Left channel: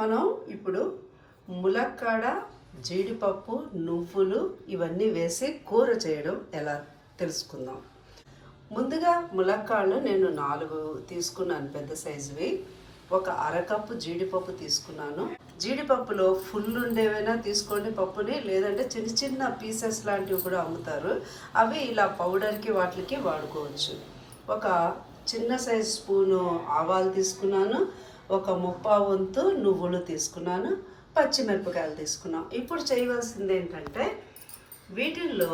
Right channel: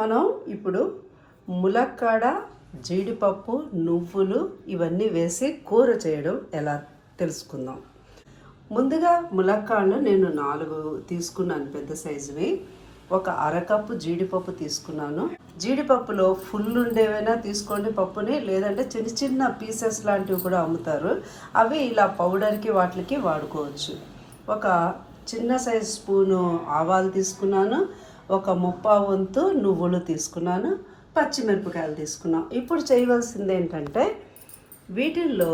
మనం ఇప్పుడు ములక్కాడ, జీడిపప్పు, నువ్వులు ఇవన్నీ వేసి కూర చేయడం ఎలా తెలుసుకుందాం. ముందుగా ములక్కాడలు నేను 4 తీసుకున్నాను, పెద్ద సైజువి. ఒక అరకప్పు జీడిపప్పు తీసుకున్నాను. జీడిపప్పులో ఫుల్ ఉండేవైనా తీసుకోండి పప్పుని, లేదంటే చిన్న చిన్న పీసెస్ లాంటివి కూడా అమ్ముతారు. అవి ఇలా పౌడర్కి వాటికి వాడుకోవచ్చు. ఒక చిన్న సైజు స్పూను ఆవాలు తీసుకున్నాను. ఒక 1/4 వంతు నువ్వులు తీసుకున్నాను. పచ్చిమిరపకాయలు తీసుకున్నాం. ఇప్పుడు చేయవలసింది ఏంటంటే, వీటిల్లో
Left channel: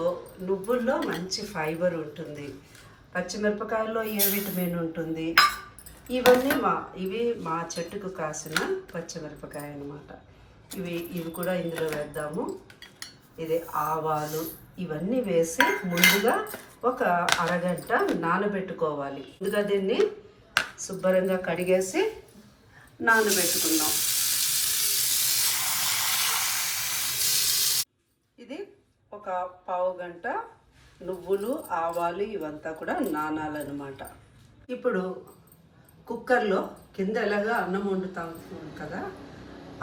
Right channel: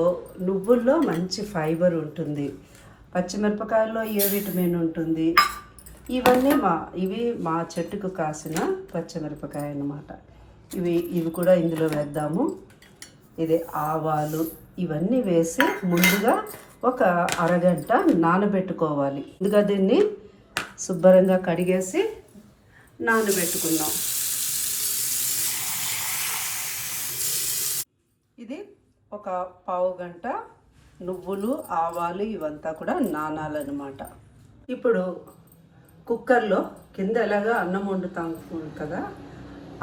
నువ్వుల్లో మంచి ఫైబర్ ఉంటుంది, పచ్చిమిరపకాయల్లో ఏ విటమిన్ ఉంటుంది. ఇవి మా చెట్టుకు కాసిన పచ్చిమిరపకాయ అన్నమాట. ఇవి కూడా ఇందులో వేద్దాము. ఇది ఆవాలు ఇవన్నీ వేసి ముందుగా ఒక అరగంట నానబెట్టుకోవాలి. ముందుగా దీన్ని శుభ్రంగా కడిగేసి నానబెట్టుకుందాం. ఇది ఒక పావు గంట నువ్వులు, ఆవాలు ఇవంతా కూడా నానాలన్నమాట. ఇప్పుడు కుక్కర్లో కింద ఎలాగా అన్నం వండుతాం కదా,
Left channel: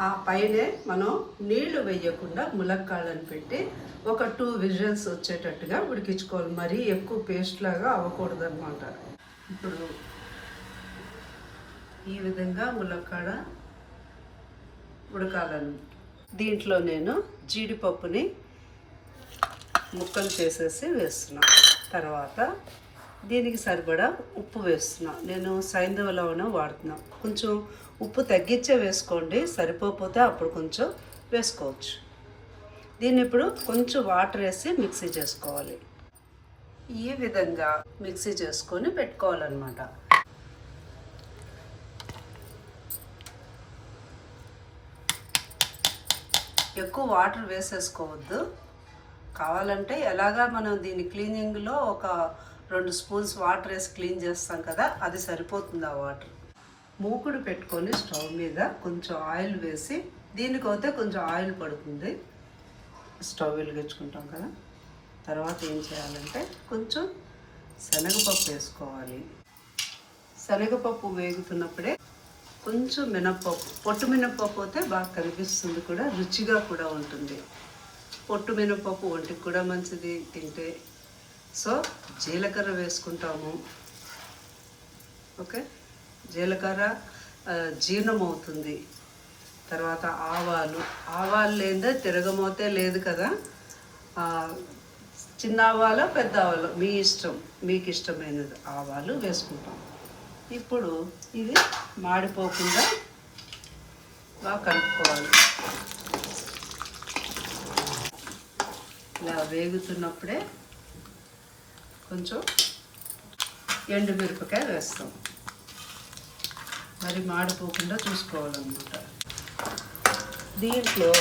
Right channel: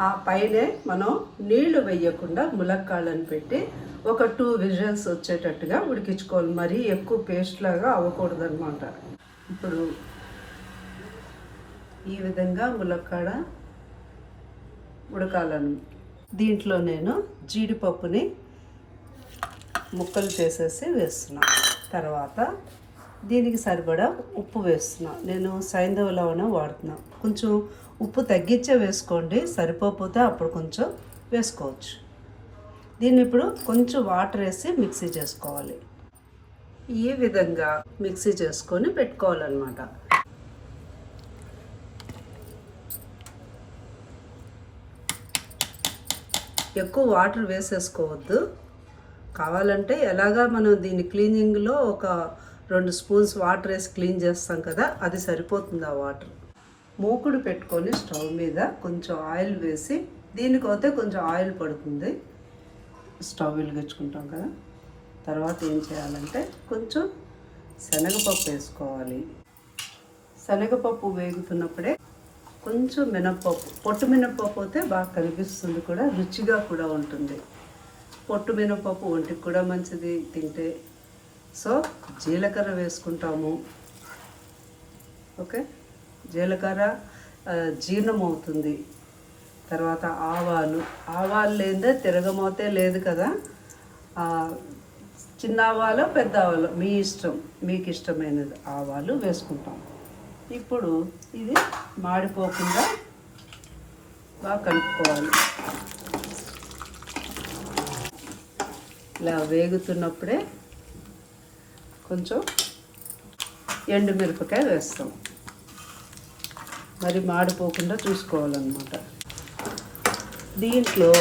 ఆ పైనే మనం నీళ్లు వేయకుండా ములక్కాళ్ళని పెట్టి ఒక 2 విజిల్స్ వచ్చేటట్టుగా ఉడికించుకోవాలి. మరీ ఎక్కువ పేస్ట్ లాగా అవ్వకూడదు అనమాట. ఇప్పుడు ఈ విధంగా ములక్కాడ ఉడకాలను. దీంట్లో నేను జీడిపప్పుని ముక్కలు చేసేసి వేస్తున్నాను. తర్వాత దీనికి సరిపడా ఉప్పు వేస్తున్నాను. నేను సైంధవ లవణం వాడుతున్నాను. కొంచెం ఉప్పు తగ్గించే వేసుకోండి, సరిపోతే అప్పుడు కొంచెం వేసుకోవచ్చు. దీన్ని ఇప్పుడు కొంచెం వాటర్ వేసి మిక్సీ చేసుకోవాలి. ఈ విధంగా మిక్సీ చేసుకొని పెట్టుకోవాలన్నమాట. ఎక్కువ వాటర్ వేసేసుకోవద్దు. కావాలంటే ఎలాగా మనం దీన్ని క్లీనింగ్లో ఒక 2 స్పూన్స్ వాటర్ వేసి క్లీన్ చేస్తాం కదా, అది సరిపోతుంది ఆ వాటర్. మూకుడు పెట్టుకొని స్టవ్ మీద కొంచెం ఆయిల్ వేసి, దీనికైతే కొంచెం ఆయిల్ పడుతుంది. స్టవ్ వెలిగించుకుంటాం కదా. తర్వాత ఏం చేయాలంటే కొంచెం శనగపప్పు వేసుకోవాలి. శనగపప్పు వేగుతున్నప్పుడే కొంచెం మినప్పప్పు, పొట్టు మినప్పప్పు అయితే బాగా కనిపిస్తుంది, కూడా రుచిగా కూడా ఉంటుంది. పొట్టు మినప్పప్పు ఒంటికి కూడా మంచిది తింటే. సో జీలకర్ర వేసుకుంటాము. ఓకే, జీలకర్ర జీర్ణం అవుతుంది. తర్వాత ఆవాలు లేదే తిరగమోతే లేదు కదా. చిన్న ఆవాలు, పెద్ద ఆవాలు మీ ఇష్టం, మీకు ఇష్టమైనది ఆవాలు వేసుకుంటాం. ఇప్పుడు ఇది మాడిపోకుండా బాగా కలుపుకోవాలి. ఇలా వేగుతున్నప్పుడే కొంచెం ఎండుమిరపకాయ వేస్తాం. మరి మాడిపోకుండా చూసుకోవాలన్నమాట. దీంట్లో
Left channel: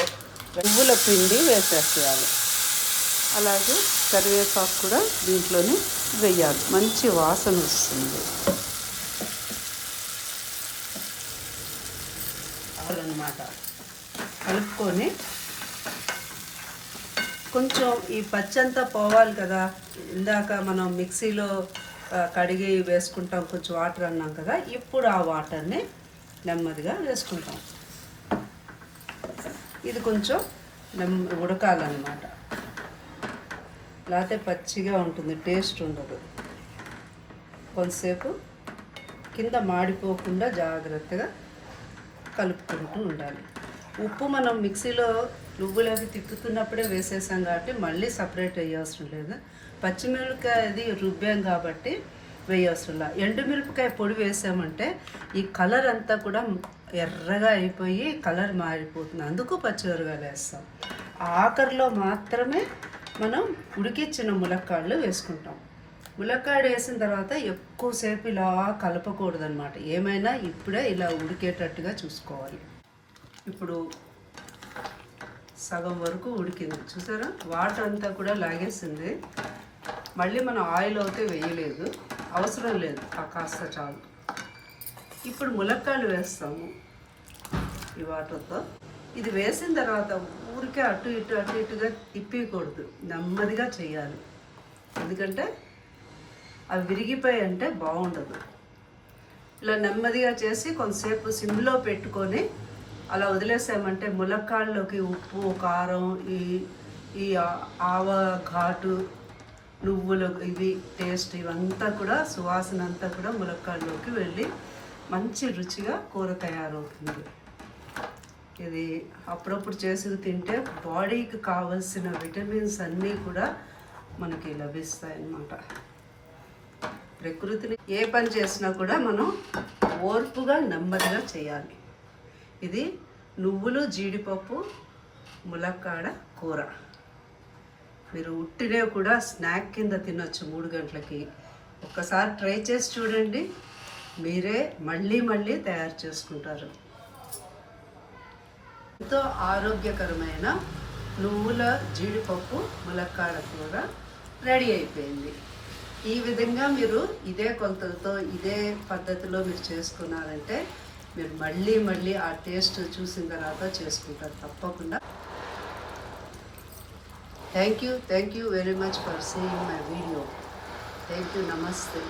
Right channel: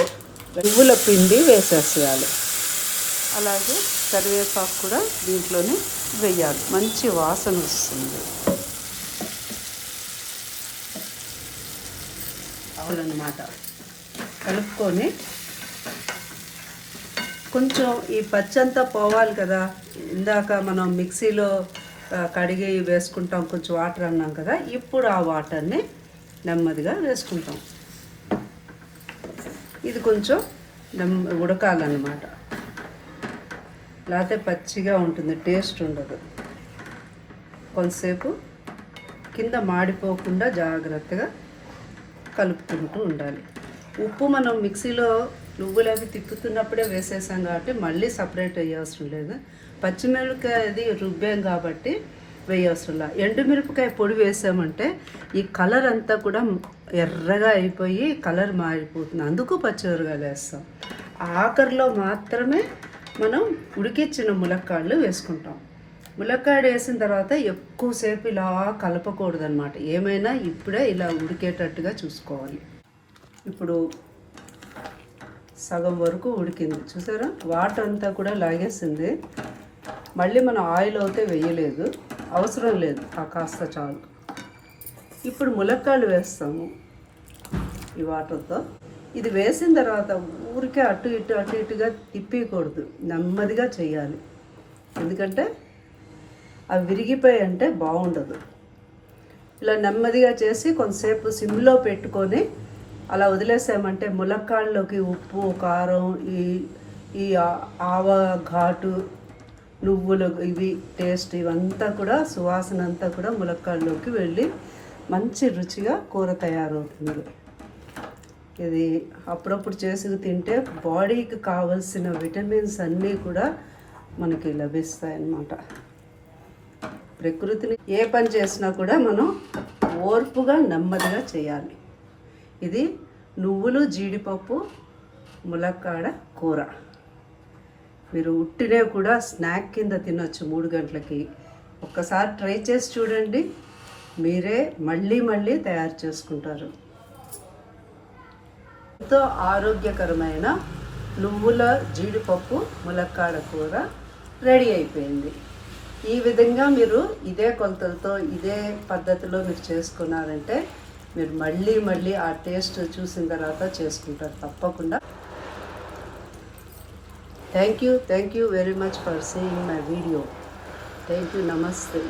నువ్వుల పిండి వేసేసేయాలి. అలాగే కరివేపాకు కూడా దీంట్లోనే వేయాలి, మంచి వాసన వస్తుంది అన్నమాట. కలుపుకొని కొంచెం ఈ పచ్చంతా పోవాలి కదా. ఇందాక మనం మిక్సీలో కడిగి వేసుకుంటాం, కొంచెం వాటర్ అన్నాం కదా. ఇప్పుడు ఆ వాటర్ని నెమ్మదిగా వేసుకుంటాం. ఇది కొంచెం ఉడకాలన్నమాట, లేకపోతే పచ్చిగా ఉంటుంది, టేస్ట్ ఉండదు. కొంతసేపు కింద మాడిపోకుండా జాగ్రత్తగా కలుపుకుంటూ ఉండాలి. ఉప్పు మనం మిక్సీలో నువ్వులవి తిప్పుతున్నప్పుడే వేసేసాం కాబట్టి మళ్ళీ సపరేట్ వేయవసరం లేదు. పచ్చిమిరపకాయ అది రుబ్బాం కాబట్టి వేయవసరం లేదు. ఎండుమిరపకాయ పొడి వేసామంటే ఈ కలర్ అంతా కూడా ఎర్రగా అయిపోయి కలర్ మారిపోతుంది. అందుకు పచ్చిమిరపకాయలు వేస్తాం. ఆఖరిలో మాత్రమే మనం ఉడికించిన ములక్కాడలు వేసుకుంటాం. ములక్కాడ వేసిన తర్వాత ఎక్కువసేపు ఇలా కలపకూడదు అనమాట. ఏమైనా ఇప్పుడే ఇలా ఉడికేటట్టుగా చూసుకోవాలి. ఇప్పుడు సగం వరకు ఉడికింది, చూసారా? వాటర్ అంతా కూడా లాగేసింది. మళ్ళీ మనం ఆయిల్ అయితే వేయలేదు, అవసరం లేదు, ఆ కాస్త చాలు. ఇప్పుడు ములక్కాడలు వేస్తాము ఈ వాటర్తో. ఇది వేసిన తర్వాత ఊరికే అటు ఇటుగా తిప్పకూడదు, నెమ్మదిగా చేయాలి. ఎందుకంటే అవి విరిగిపోయి అంటే బాగుండదు. ఇలా నెమ్మదిగా చేసి కొంతసేపు సిమ్లో పెట్టుకొని అలా వదిలేసామంటే ములక్కాడలోకి ఉప్పు కారం ఈ ఈ ఆవ ఘాటు నువ్వులు ఇవి టేస్ట్ ఇవంతా కూడా సువాసన అంతా కూడా ములక్కాడలోకి వెళ్ళి మంచి రుచిగా కూర తయారవుతుంది. ఇది అప్పుడప్పుడు చేసి తింటే బాడీకి కావలసిన విటమిన్స్ అన్నీ కూడా మనకి లభిస్తాయి అన్నమాట. ప్రకృతిని ఏ పని చేసినా కూడా మనం ఓర్పుగా నెమ్మదిగా చేయాలి. ఇది నువ్వులు జీడిపప్పు ములక్కాడ కూర. మీరు ఉట్టినే కూడా స్నాక్ కింద తినొచ్చు 3 గంటలకి. ఒక్కసారి ట్రై చేసి చూడండి, మీరే మళ్ళీ మళ్ళీ తయారు చేసుకుంటారు. ఎంతో ఆరోగ్యకరమైన నువ్వుల జీడిపప్పు ములక్కాడ కూర రెడీ అయిపోయింది. ఈ విధంగా మీరు ఇదే కొలతలతో ఇదే పద్ధతిలో మీరు చేసుకున్నారంటే మీరు మళ్ళీ మళ్ళీ ఆ టేస్ట్ చూసిన తర్వాత చేసుకుంటారు తప్పకుండా. Thank you very much for seeing my video. Thank you. నమస్తే.